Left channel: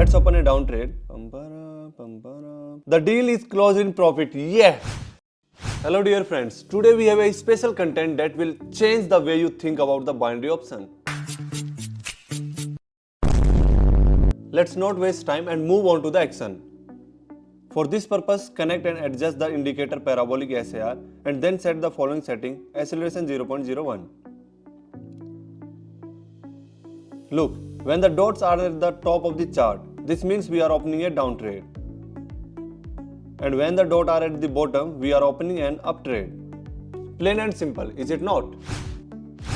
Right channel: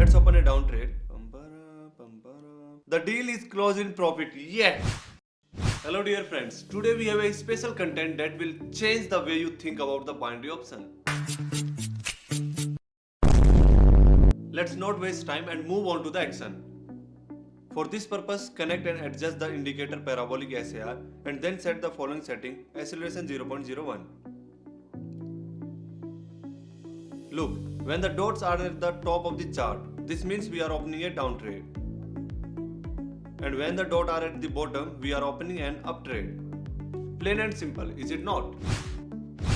Let's open a down trade. The deal is closed in profit. Yeah! Hello dear friends. Today we have a special content that will change the way you think about the binary option. Let's not waste time and move on to the action. For this purpose, connect and adjust the indicator Parabolic SAR and then set the following setting: acceleration 0.01. Look, when the dots are at the top of the chart, this means we are opening a down trade. And when the dots are at the bottom, we are opening an up trade. Plain and simple, is it not?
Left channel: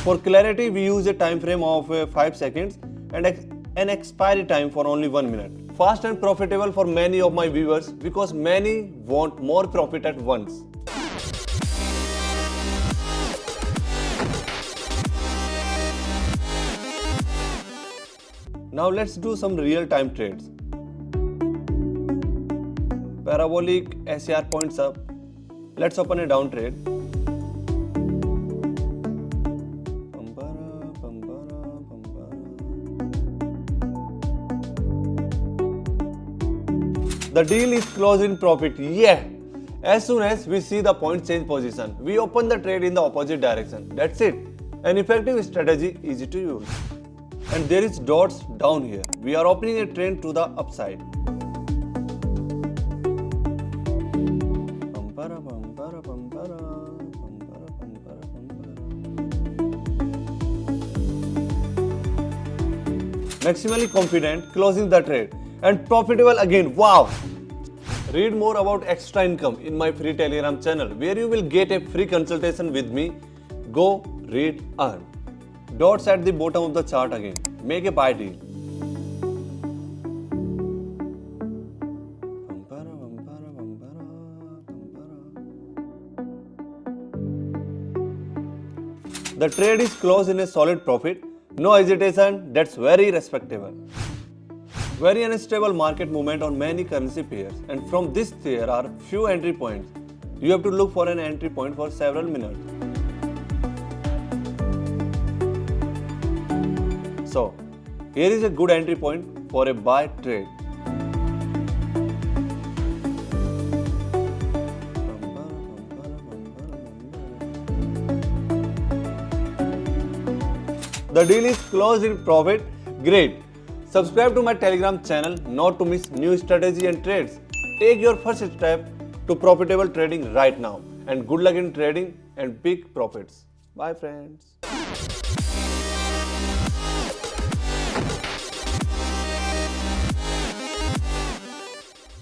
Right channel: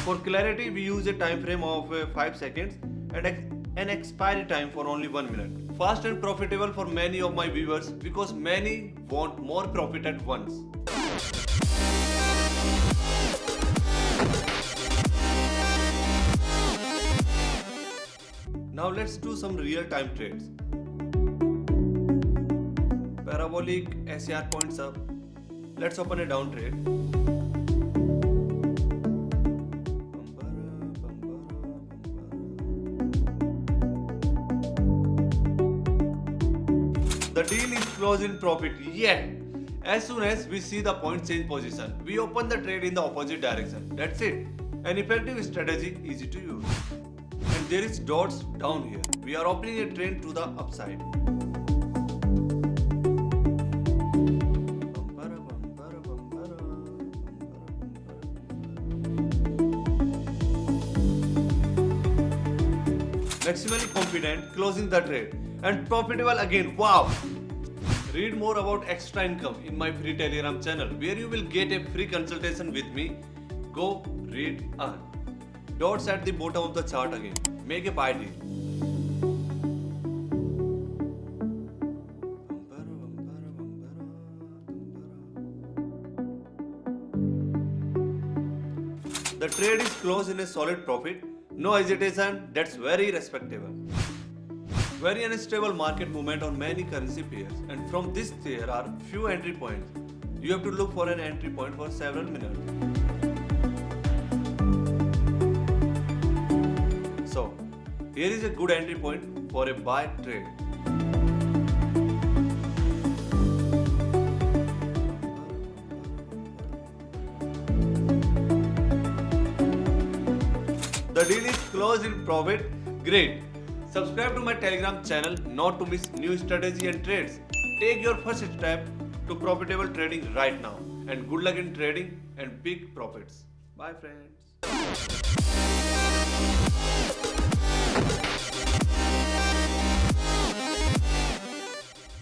For clarity, we use a time frame of 5 seconds and an expiry time for only 1 minute. Fast and profitable for many of my viewers because many want more profit at once. Now let's do some real-time trades. Parabolic SAR points up. Let's open a down trade. The deal is closed in profit. Yeah! As soon as we see the point change position, we open the trade in the opposite direction. That's it. An effective strategy, easy to use. And there is dots down here. We are opening a trend to the upside. Maximally confident, closing the trade. And profitable again. Wow! Read more about extra income in my free Telegram channel where you will get a free consultation with me. Go, read, earn. Dots at the bottom of the chart again. Make a buy deal. The trade is closed in a solid profit. No hesitation, that's very respectable. Very unstable market movement on many currency pairs, and from this there are few entry points. You have to look for an entry point for several minutes. So, here is a good entry point for a buy trade. The deal is closed in profit. Great. Subscribe to my Telegram channel not to miss new strategy and trades. Take your first step to profitable trading right now. And good luck in trading and big profits. Bye friends.